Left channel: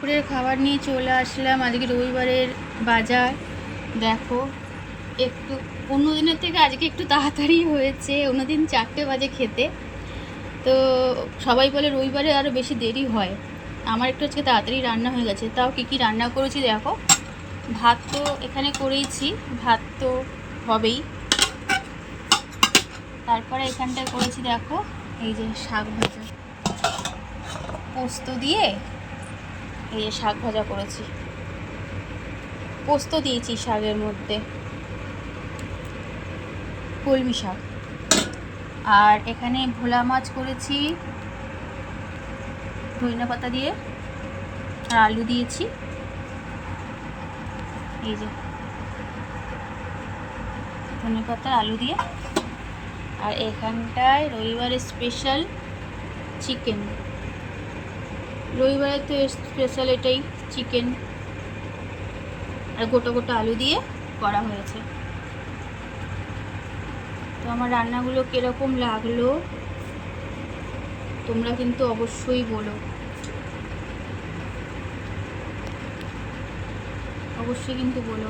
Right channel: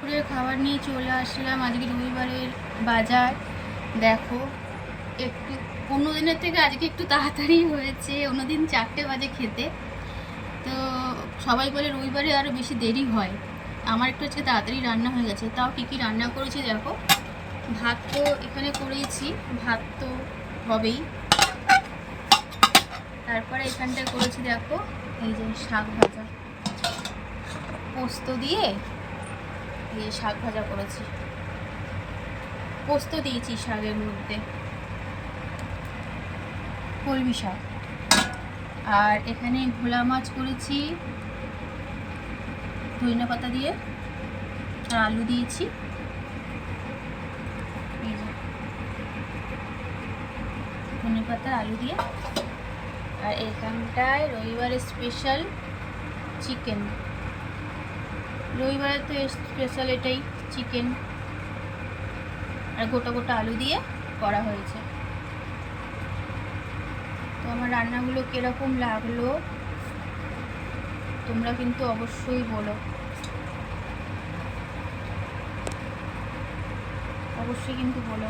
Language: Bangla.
দুপুরের খাবার নিয়ে চলে আসলাম। আজকে রবিবারের বাজার দেখো। একটু অন্য দিনের থেকে আজকে একটু তাড়াতাড়ি হয়েছে। অন্যদিন 4টে বাজে খেতে। তো সবাই বলে রবিবারে আরও বেশি দেরি হয়। আমার একটু আজকে তাড়াতাড়ি রান্না হয়ে গেছে। তাও কী কী রান্না করেছি দেখো। ভাত তো এখানে করেইছি, ভাত তো হবেই। তারপরে এখানটায় করেছি দেখো, এই যে শাক ভাজা, পোস্ত দিয়ে এই যে শাক ভাজা করেছি। পোস্ত দিয়েছি শাকের মধ্যে, কলমি শাক। আর এখানে ভোলা মাছ করেছি ধনিয়া পাতা দিয়ে, আর আলু দিয়েছি। এই যে ধনিয়া পাতা আলু দিয়ে। আর এখানটায় রবিবারের স্পেশাল চিকেন। রবিবারে তো স্পেশাল এটাই, চিকেন। আর গোটা গোটা আলু দিয়ে করা হয়েছে। তো আমার রান্নাগুলো কীরকম লাগলো তোমরা কিন্তু অবশ্যই বলো, অবশ্যই কিন্তু বলো।